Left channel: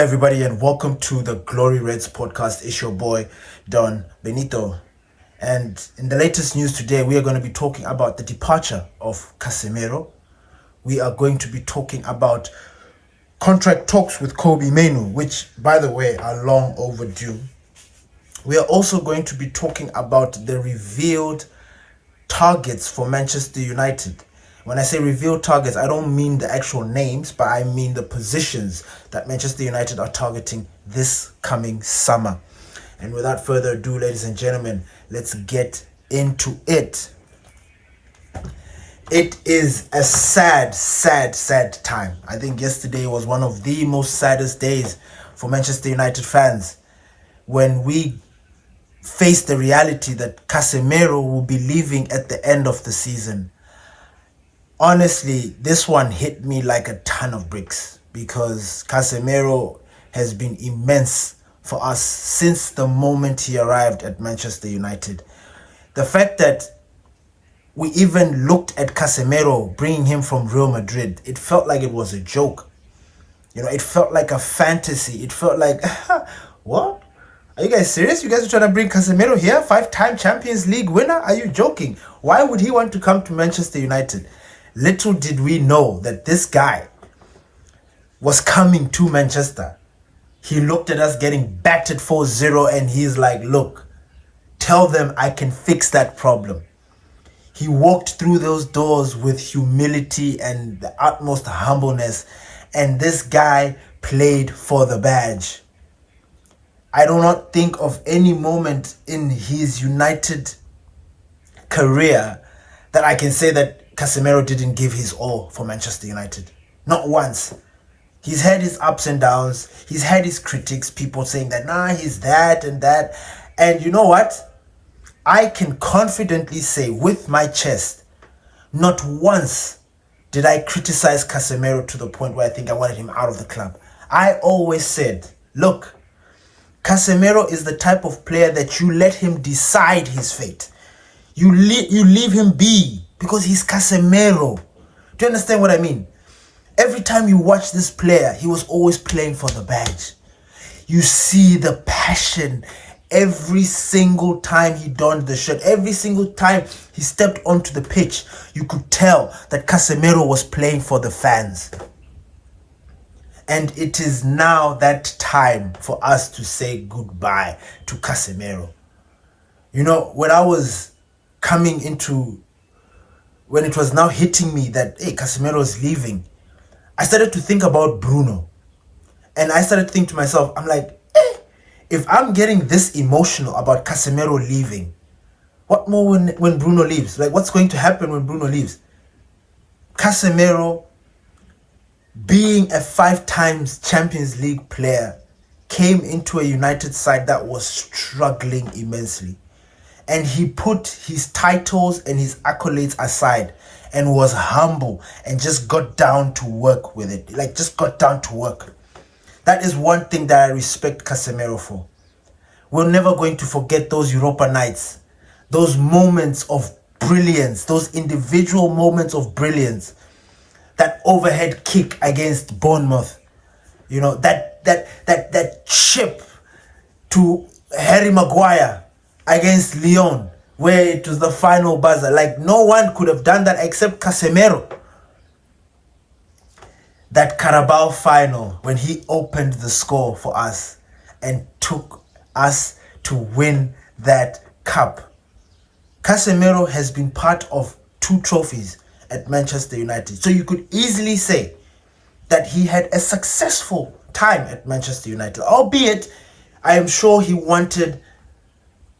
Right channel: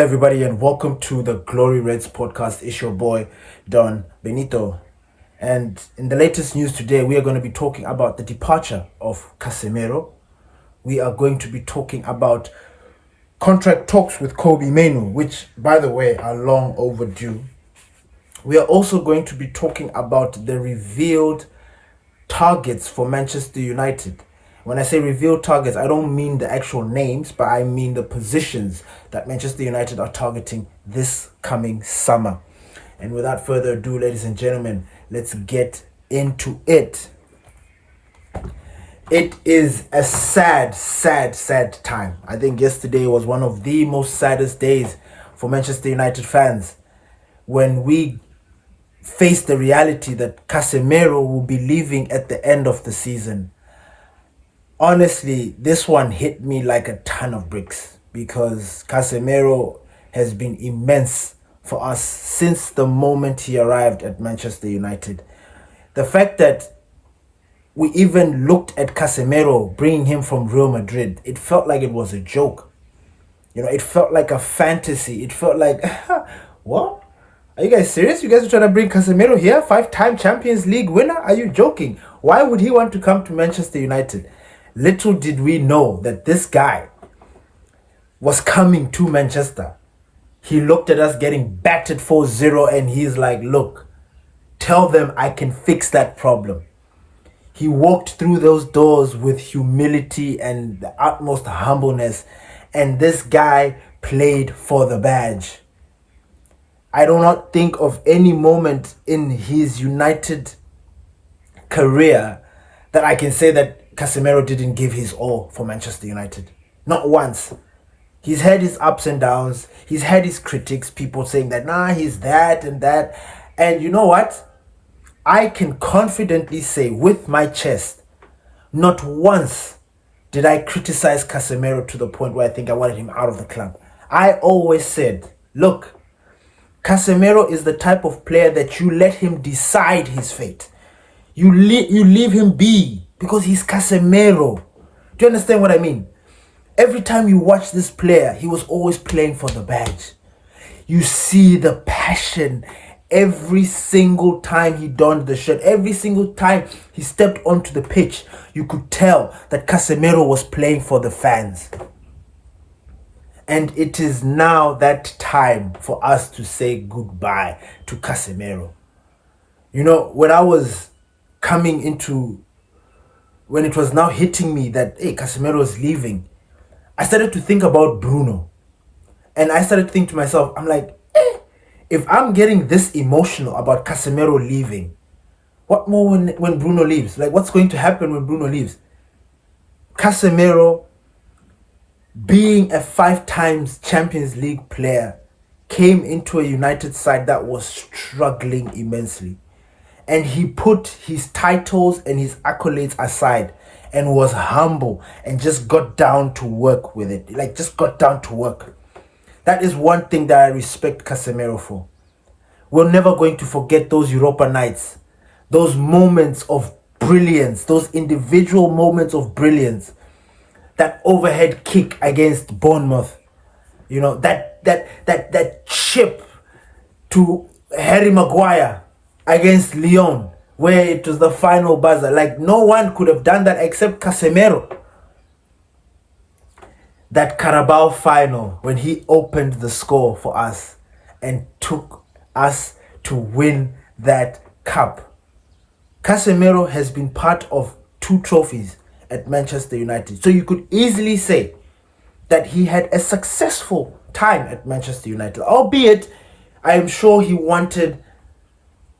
Everybody, and welcome to the Glory Reds podcast. It's your boy Don Benito, and in the latest news today, we are going to be talking about the departure of Casemiro. We are going to be talking about contract talks with Kobbie Mainoo, which, by the way, are long overdue. We are also going to be talking about the revealed targets for Manchester United. When I say revealed targets, I don't mean the actual names, but I mean the positions that Manchester United are targeting this coming summer. And without further ado, ladies and gentlemen, let's get into it. It is a sad time. I think yesterday was one of the most saddest days for Manchester United fans when we faced the reality that Casemiro will be leaving at the end of the season. Honestly, this one hit me like a ton of bricks because Casemiro has been immense for us since the moment he arrived at Manchester United. The fact that we even looked at Casemiro bringing him from Real Madrid, it felt like it was a joke. It felt like a fantasy. It felt like, what? Are you guys serious? You guys are trying to bring Casemiro here? 5-time Champions League winner? Are you joking? Why would he want to come to Manchester United? Little did we know that this guy was coming to Manchester. He looked at us getting battered 4-0 and he's like, look, tell them I can fix that problem. He walked through those doors with humility and the utmost humbleness, and this guy played for the badge. I do not think of any moment in his United career that I can say that Casemiro didn't give his all for Manchester United. Not once. He's had his ups and downs. He's had his critics, people saying that, he's that and that. And you know what? I can confidently say with my chest, not once did I criticize Casemiro to the point where I think I wanted him out of the club. I always said, look, Casemiro is the type of player that you let him decide his fate. You leave him be because he's Casemiro. Do you understand what I mean? Every time you watch this player, he was always playing for the badge. You see the passion every single time he donned the shirt. Every single time he stepped onto the pitch, you could tell that Casemiro was playing for the fans. And it is now that time for us to say goodbye to Casemiro. When I was coming into, when it was now hitting me that, hey, Casemiro is leaving, I started to think about Bruno. And I started to think to myself, I'm like, if I'm getting this emotional about Casemiro leaving, what more when Bruno leaves? Like, what's going to happen when Bruno leaves? Casemiro, being a 5-time Champions League player, came into a United side that was struggling immensely. And he put his titles and his accolades aside and was humble and just got down to work with it. Like, just got down to work. That is one thing that I respect Casemiro for. We're never going to forget those Europa nights, those moments of brilliance, those individual moments of brilliance. That overhead kick against Bournemouth, that chip to Harry Maguire against Lyon, where it was the final buzzer. Like, no one could have done that except Casemiro. That Carabao final, when he opened the score for us and took us to win that cup. Casemiro has been part of 2 trophies at Manchester United. So you could easily say that he had a successful time at Manchester United, albeit I am sure he wanted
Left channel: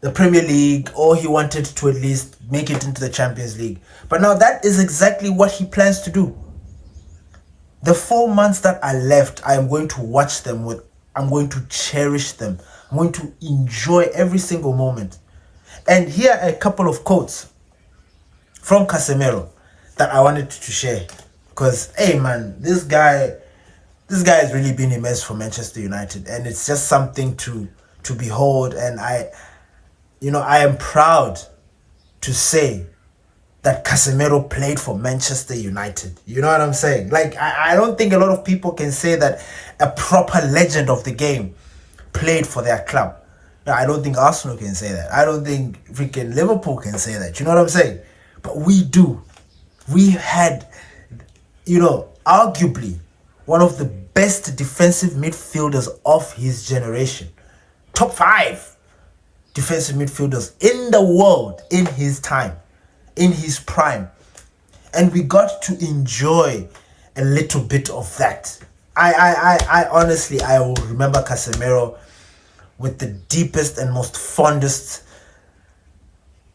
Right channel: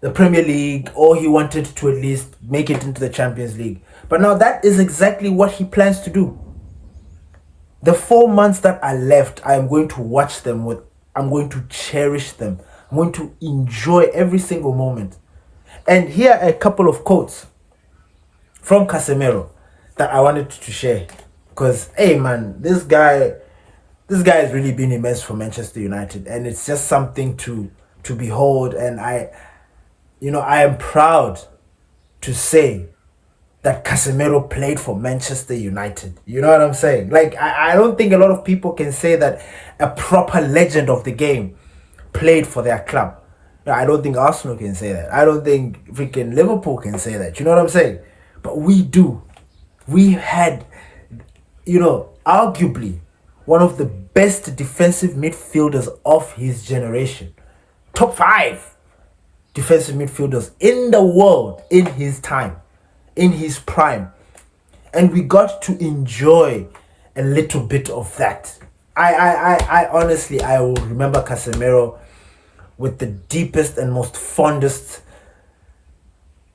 the Premier League, or he wanted to at least make it into the Champions League. But now that is exactly what he plans to do. The 4 months that are left, I am going to watch them I'm going to cherish them. I'm going to enjoy every single moment. And here are a couple of quotes from Casemiro that I wanted to share. Because, hey man, this guy has really been immense for Manchester United. And it's just something to behold. And I am proud to say that Casemiro played for Manchester United. You know what I'm saying? Like, I don't think a lot of people can say that a proper legend of the game played for their club. I don't think Arsenal can say that. I don't think freaking Liverpool can say that. You know what I'm saying? But we do. We had, arguably one of the best defensive midfielders of his generation. Top 5 defensive midfielders in the world in his time, in his prime. And we got to enjoy a little bit of that. I honestly, I will remember Casemiro with the deepest and most fondest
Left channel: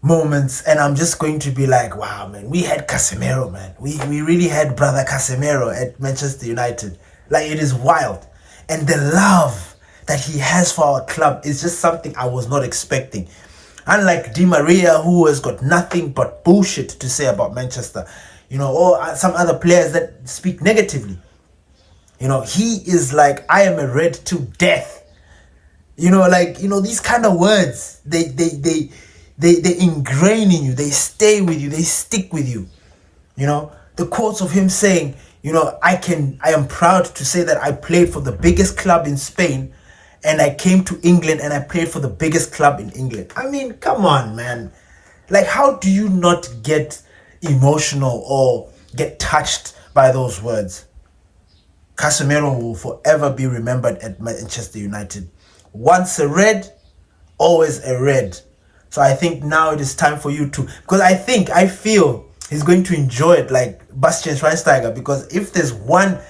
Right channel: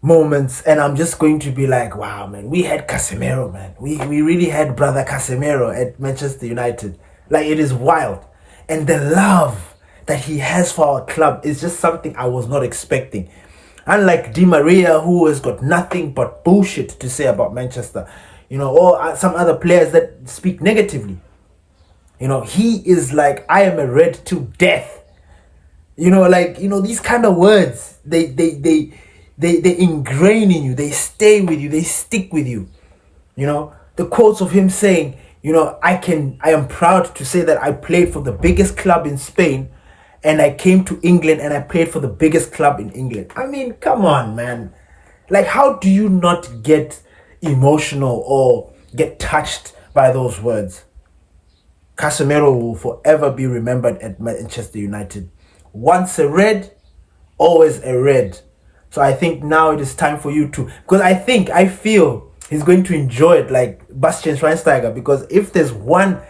moments, and I'm just going to be like, wow, man, we had Casemiro, man. We really had brother Casemiro at Manchester United. Like, it is wild. And the love that he has for our club is just something I was not expecting. Unlike Di Maria, who has got nothing but bullshit to say about Manchester, or some other players that speak negatively. He is like, I am a red to death. These kind of words, they ingrain in you, they stay with you, they stick with you. The quotes of him saying, I am proud to say that I played for the biggest club in Spain, and I came to England and I played for the biggest club in England. I mean, come on, man. Like, how do you not get emotional or get touched by those words? Casemiro will forever be remembered at Manchester United. Once a red, always a red. So I think now it is time for you to, because I feel he's going to enjoy it like Bastian Schweinsteiger, because if there's one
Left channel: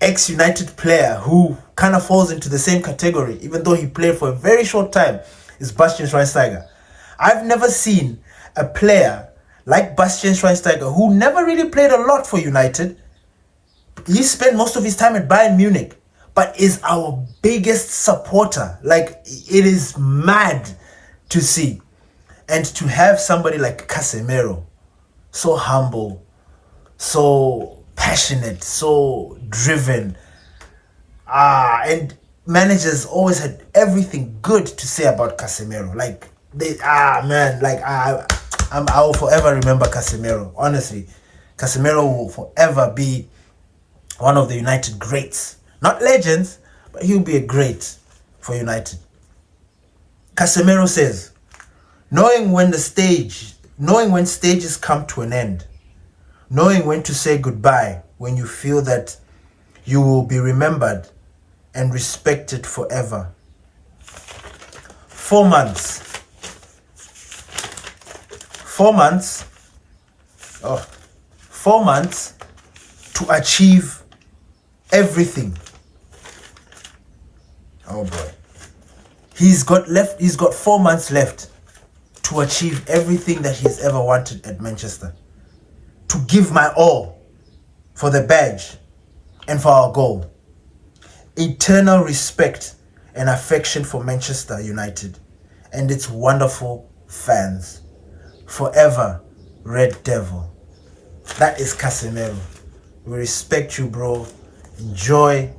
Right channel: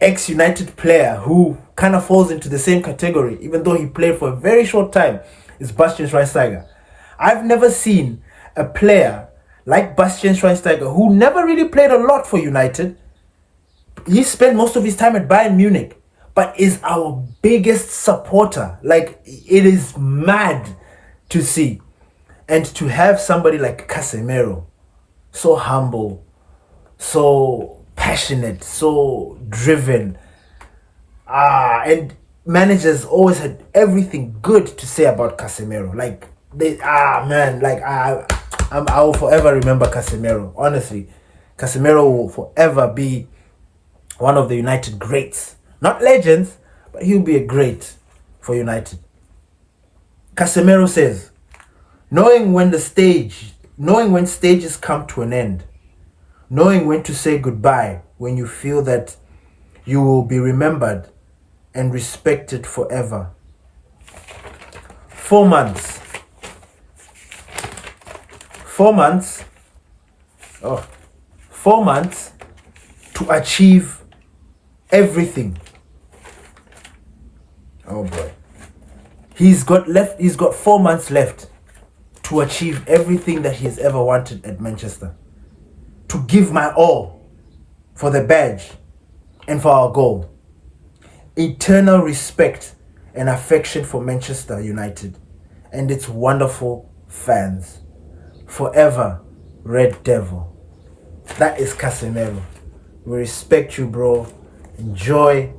ex-United player who kind of falls into the same category, even though he played for a very short time, is Bastian Schweinsteiger. I've never seen a player like Bastian Schweinsteiger, who never really played a lot for United. He spent most of his time at Bayern Munich, but is our biggest supporter. Like, it is mad to see. And to have somebody like Casemiro, so humble, so passionate, so driven, and managers always had everything good to say about Casemiro. Like, I will forever remember Casemiro. Honestly, Casemiro will forever be one of the United greats. Not legends, but he'll be a great for United. Casemiro says, knowing when stages come to an end, knowing when to say goodbye when you feel that you will be remembered and respected forever. 4 months. 4 months. 4 months to achieve everything. Oh boy. He's got 4 months left to achieve everything that he's ever wanted at Manchester. To give my all for the badge and for our goal. Eternal respect and affection for Manchester United and its wonderful fans. Forever, Red Devil. That is Casemiro. We respect you, bro. Enjoy.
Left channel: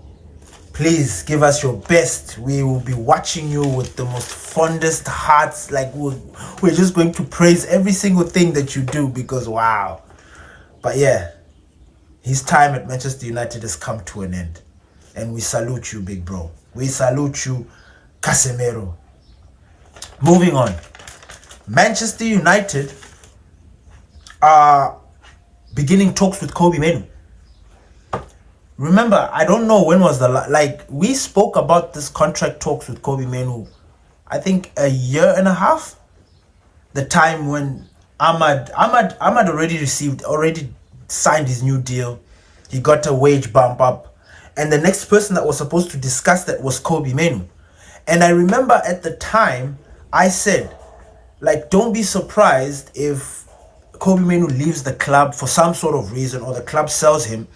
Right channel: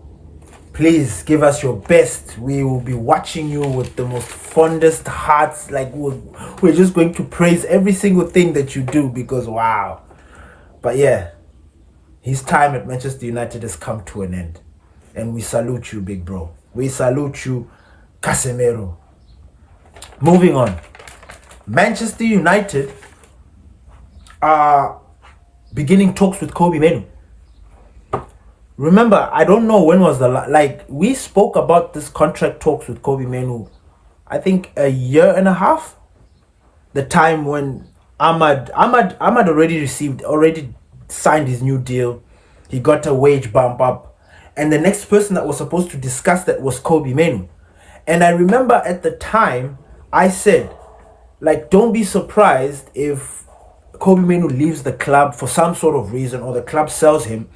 Please give us your best. We will be watching you with the most fondest hearts. Like, we're just going to praise every single thing that you do, because wow. But yeah, his time at Manchester United has come to an end. And we salute you, big bro. We salute you, Casemiro. Moving on. Manchester United are beginning talks with Kobbie Mainoo. Remember, I don't know when was we spoke about this contract talks with Kobbie Mainoo, I think a year and a half. The time when Ahmad already signed his new deal. He got a wage bump up. And the next person that was supposed to discuss that was Kobbie Mainoo. And I remember at the time, I said, like, don't be surprised if Kobbie Mainoo leaves the club for some sort of reason, or the club sells him,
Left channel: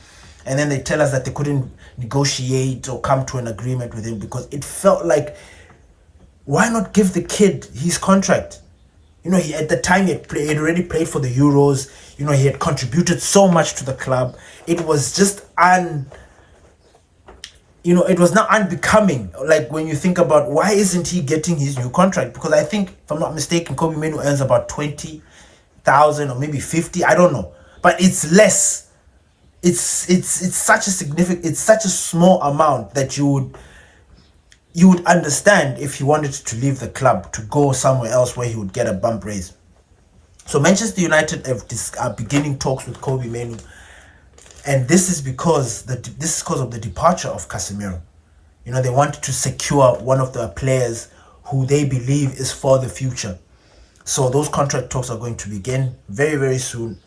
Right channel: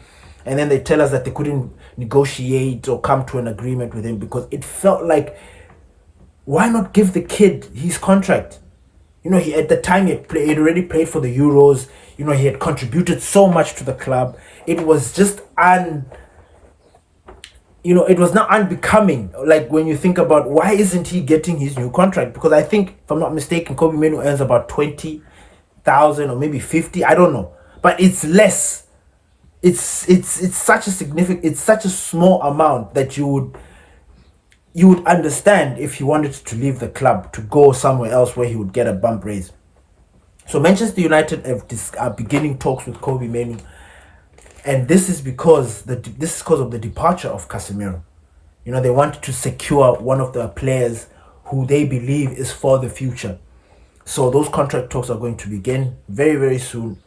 and then they tell us that they couldn't negotiate or come to an agreement with him, because it felt like, why not give the kid his contract? He at the time he had already played for the Euros. He had contributed so much to the club. It was just it was not unbecoming. Like, when you think about, why isn't he getting his new contract? Because I think, if I'm not mistaken, Kobbie Mainoo earns about 20,000 100,000 or maybe 50, I don't know, but it's less. It's such a significant, it's such a small amount that you would understand if he wanted to leave the club to go somewhere else where he would get a bump raise. So Manchester United are beginning talks with Kobbie Mainoo, and this is because of the departure of Casemiro. You know, they want to secure one of the players who they believe is for the future. So those contract talks are going to begin very, very soon.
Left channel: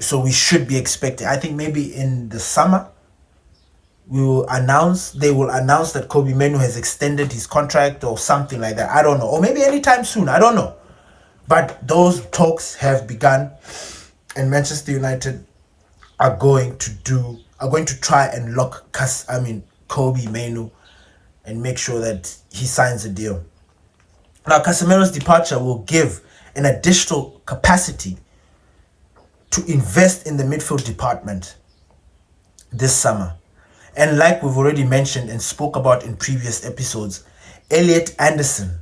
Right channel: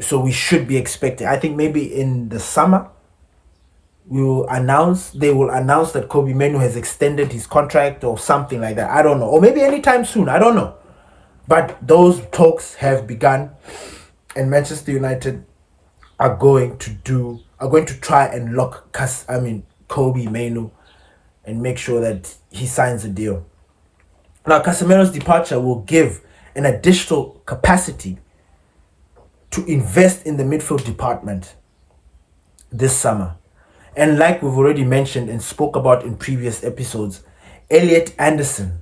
So we should be expecting, I think maybe in the summer, they will announce that Kobbie Mainoo has extended his contract or something like that. I don't know. Or maybe anytime soon. I don't know. But those talks have begun, and Manchester United are going to try and lock Kobbie Mainoo and make sure that he signs a deal. Now, Casemiro's departure will give an additional capacity to invest in the midfield department this summer. And like we've already mentioned and spoke about in previous episodes, Elliot Anderson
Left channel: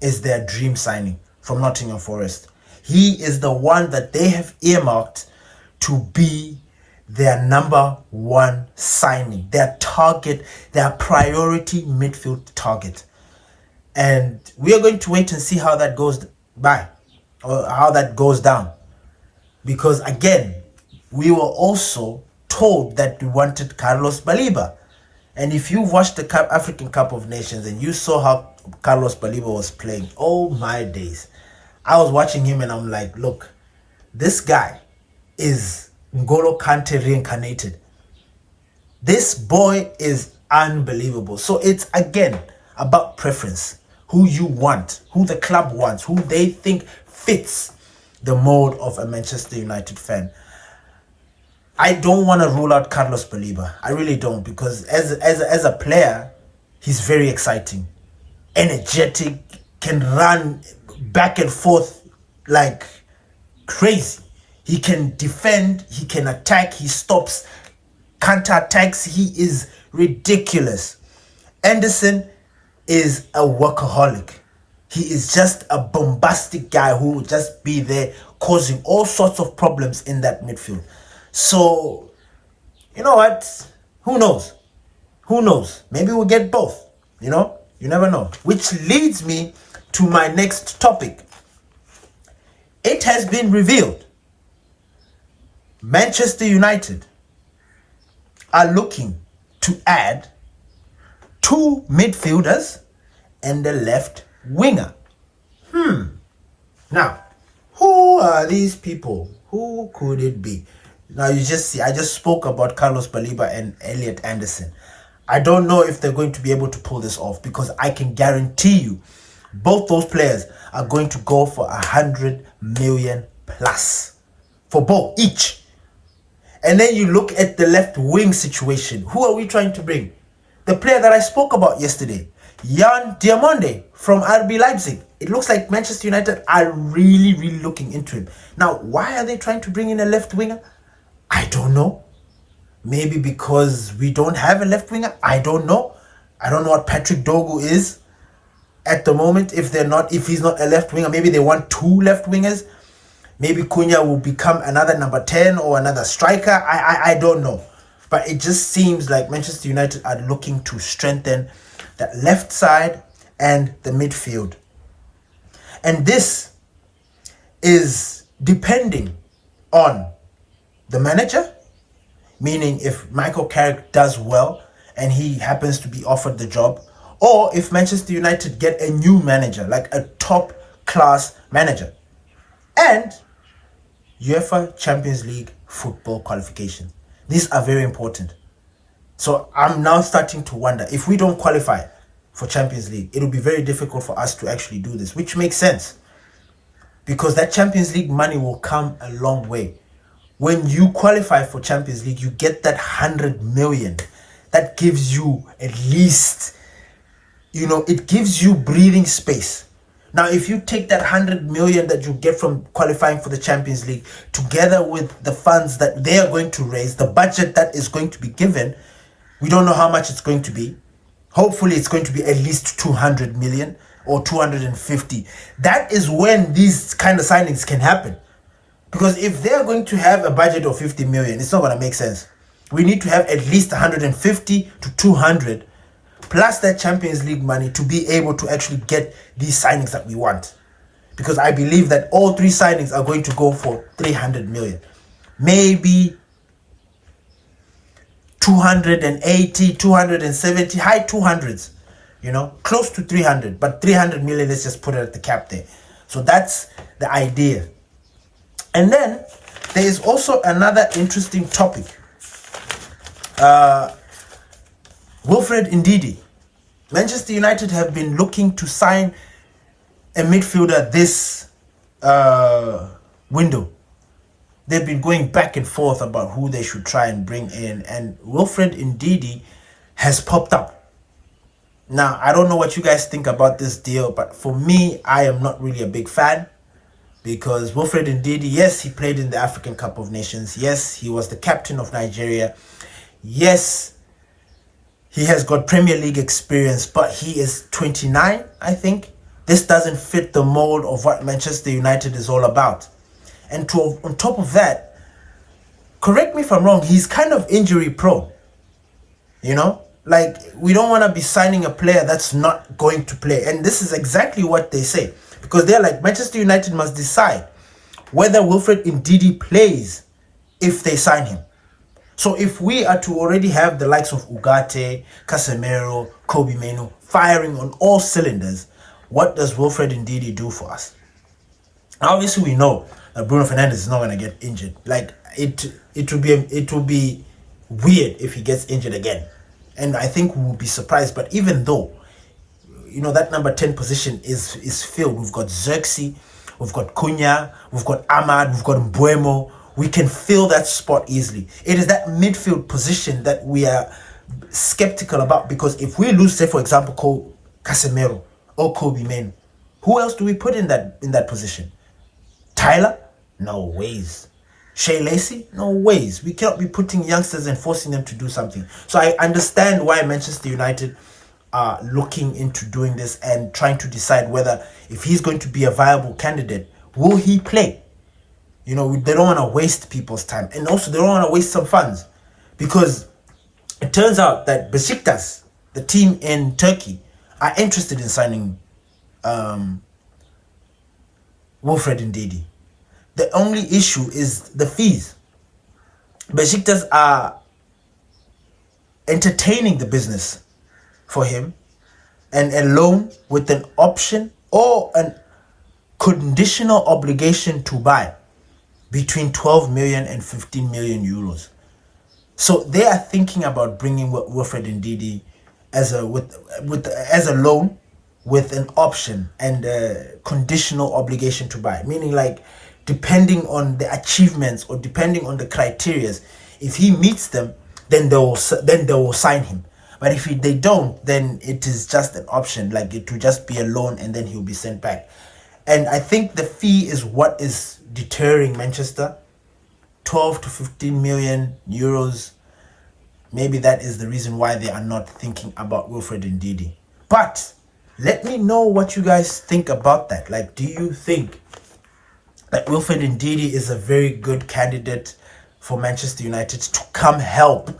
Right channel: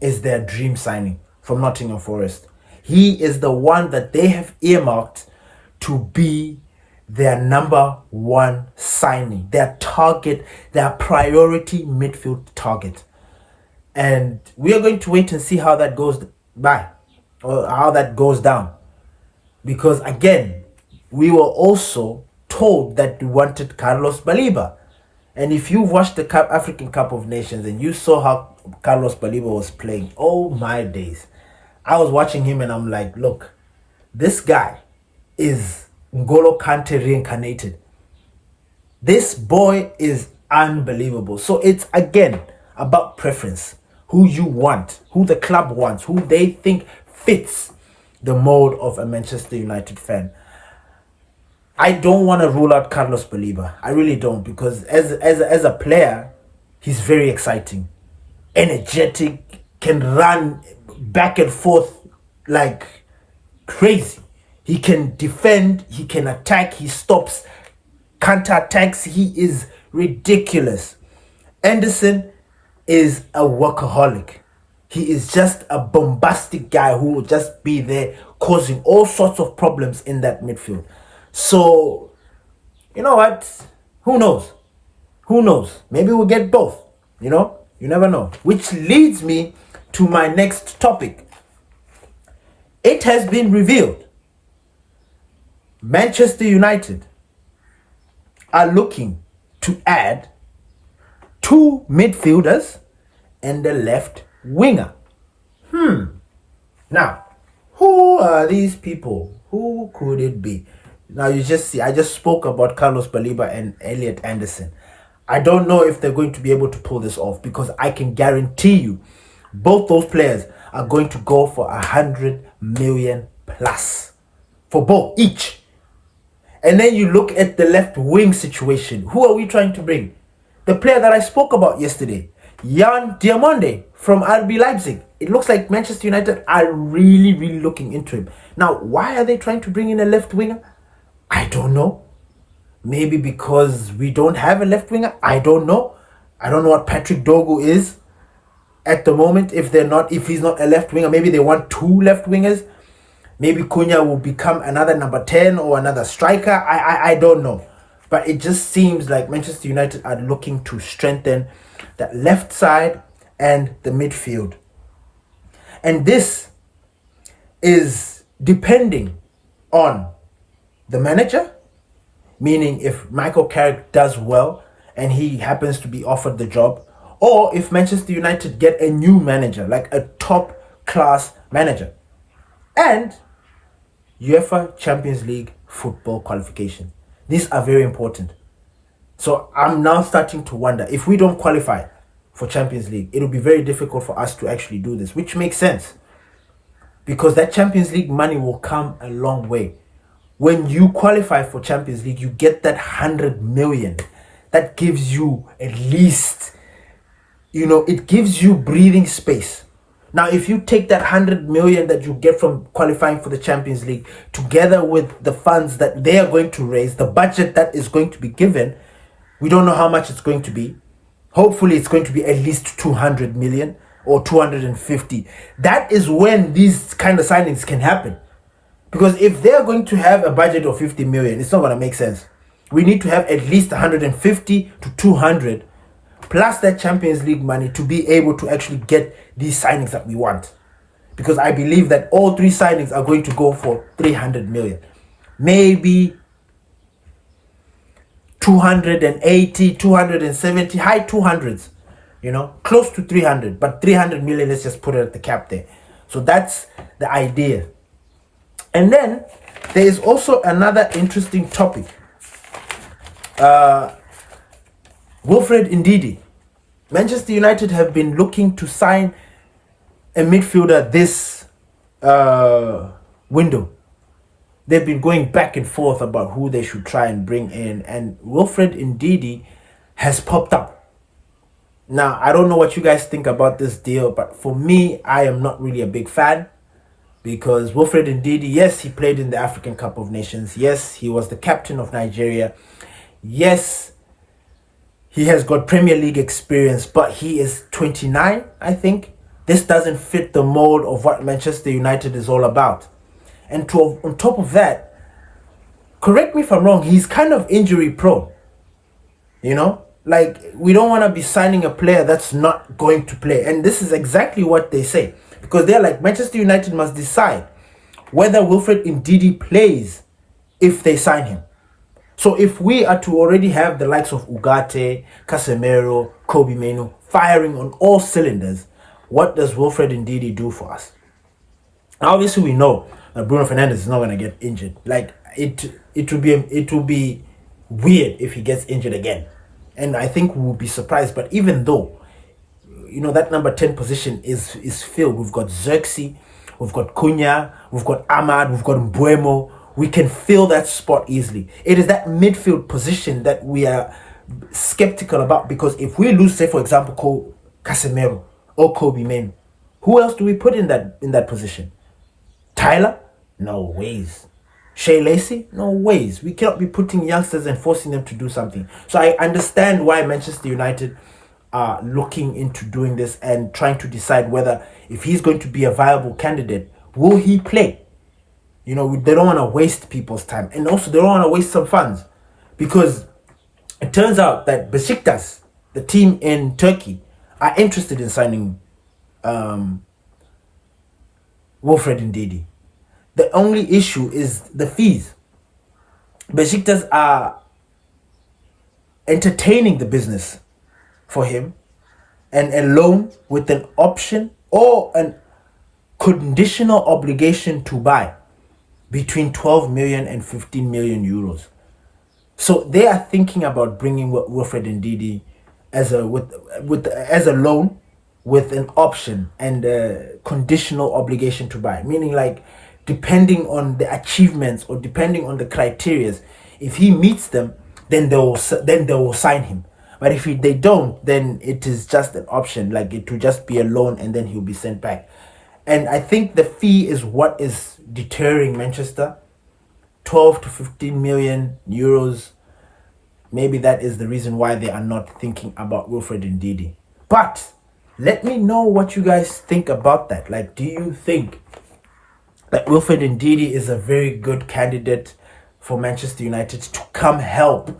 is their dream signing from Nottingham Forest. He is the one that they have earmarked to be their number one signing, their target, their priority midfield target. And we are going to wait and see how that goes by, or how that goes down. Because again, we were also told that we wanted Carlos Baleba. And if you watched the African Cup of Nations and you saw how Carlos Baleba was playing, oh my days. I was watching him and I'm like, look, this guy is N'Golo Kante reincarnated. This boy is unbelievable. So it's again about preference. Who you want, who the club wants, who they think fits the mold of a Manchester United fan. I don't want to rule out Carlos Baleba. I really don't, because as a player, he's very exciting, energetic, can run back and forth like crazy. He can defend, he can attack, he stops counter-attacks. He is ridiculous. Anderson is a workaholic. He is just a bombastic guy who will just be there causing all sorts of problems in that midfield. So, you know what? Who knows? Who knows? Maybe we'll get both. You know? You never know. Which leads me to my next topic. It has been revealed Manchester United are looking to add 2 midfielders and a left winger. Now, who are these people? Who could it be? Now you just see, I just spoke about Carlos Baleba and Elliot Anderson. I don't know if they're going to be able to pull this off, because I can guarantee you both those players are going to go for 100 million plus for both each. And then you look at the left wing situation. Who are we trying to bring? The player that I spoke about yesterday, Jan Diamonde from RB Leipzig. It looks like Manchester United are really, really looking into him. Now, why are they trying to bring in a left winger? I don't know. Maybe because we don't have a left winger. I don't know. I don't know what Patrick Dogu is at the moment. If he's not a left winger, maybe they want 2 left wingers. Maybe Cunha will become another number 10 or another striker. I don't know. But it just seems like Manchester United are looking to strengthen that left side and the midfield. And this is depending on the manager, meaning if Michael Carrick does well and he happens to be offered the job, or if Manchester United get a new manager, like a top class manager, and UEFA Champions League football qualification. These are very important. So I'm now starting to wonder, if we don't qualify for Champions League, it'll be very difficult for us to actually do this, which makes sense, because that Champions League money will come a long way. When you qualify for Champions League, you get that 100 million. That gives you at least, it gives you breathing space. Now, if you take that 100 million that you get from qualifying for the Champions League, together with the funds that they are going to raise, the budget that is going to be given, we don't know how much it's going to be. Hopefully, it's going to be at least 200 million or 250. That is when these kind of signings can happen. Because if they're going to have a budget of 50 million, it's not going to make sense. We need to have at least 150 to 200 plus that Champions League money to be able to actually get these signings that we want. Because I believe that all three signings are going to go for 300 million. Maybe 280, 270, high 200s. Close to 300. But 300 million, let's just put it at the cap there. So that's the idea. And then there is also another interesting topic. Wilfred Ndidi. Manchester United have been looking to sign a midfielder this window. They've been going back and forth about who they should try and bring in, and Wilfred Ndidi has popped up. Now, I don't know what you guys think about this deal, but for me, I am not really a big fan, because Wilfred Ndidi, yes, he played in the African Cup of Nations. Yes, he was the captain of Nigeria. Yes, he has got Premier League experience, but he is 29, I think. This doesn't fit the mold of what Manchester United is all about. And on top of that, correct me if I'm wrong, he's kind of injury prone. Like, we don't want to be signing a player that's not going to play. And this is exactly what they say. Because they're like, Manchester United must decide whether Wilfred Ndidi plays if they sign him. So if we are to already have the likes of Ugarte, Casemiro, Kobbie Mainoo firing on all cylinders, what does Wilfred Ndidi do for us? Obviously, we know that Bruno Fernandes is not going to get injured. Like, it will be weird if he gets injured again. And I think we will be surprised. But even though, that number 10 position is filled. We've got Xerxes, we've got Cunha, we've got Ahmad, we've got Mbuemo. We can fill that spot easily. It is that midfield position that we are skeptical about, because if we lose, say, for example, Casemiro or Kobbie Mainoo, who else do we put in that position? Tyler? No ways. Shea Lacey? No ways. We cannot be putting youngsters and forcing them to do something. So I understand why Manchester United are looking into doing this and trying to decide whether, if he's going to be a viable candidate, will he play? They don't want to waste people's time. And also, they don't want to waste some funds. Because it turns out that Besiktas, the team in Turkey, are interested in signing Wilfred Ndidi. The only issue is the fees. Besiktas are entertaining the business for him, and a loan with an option or a conditional obligation to buy between 12 million and 15 million euros. So they are thinking about bringing Wilfred Ndidi as a loan with an option and a conditional obligation to buy, meaning, like, depending on the achievements or depending on the criteria, if he meets them, then they will sign him. But if they don't, then it is just an option, like it will just be a loan and then he'll be sent back. And I think the fee is what is deterring Manchester. 12 to 15 million euros. Maybe that is the reason why they are not thinking about Wilfred Ndidi. But let me know what you guys think about that. Like, do you think that Wilfred Ndidi is a very good candidate for Manchester United to come help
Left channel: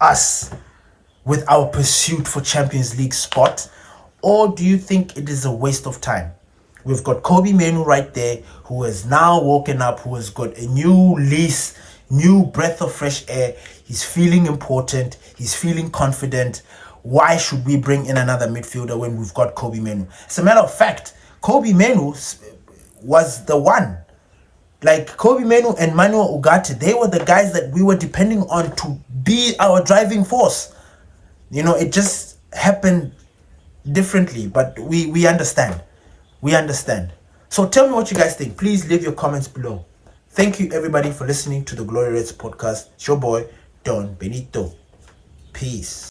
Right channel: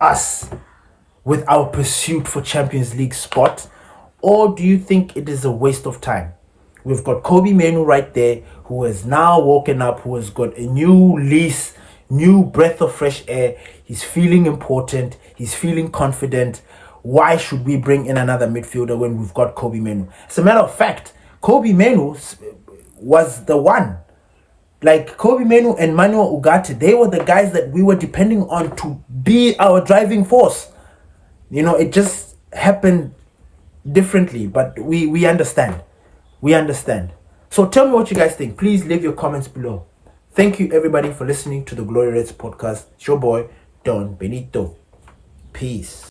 us with our pursuit for Champions League spot? Or do you think it is a waste of time? We've got Kobbie Mainoo right there, who has now woken up, who has got a new lease, new breath of fresh air. He's feeling important. He's feeling confident. Why should we bring in another midfielder when we've got Kobbie Mainoo? As a matter of fact, Kobbie Mainoo was the one. Like, Kobbie Mainoo and Manuel Ugarte, they were the guys that we were depending on to be our driving force. It just happened differently, but we understand. We understand. So tell me what you guys think. Please leave your comments below. Thank you, everybody, for listening to the Glory Reds podcast. It's your boy, Don Benito. Peace.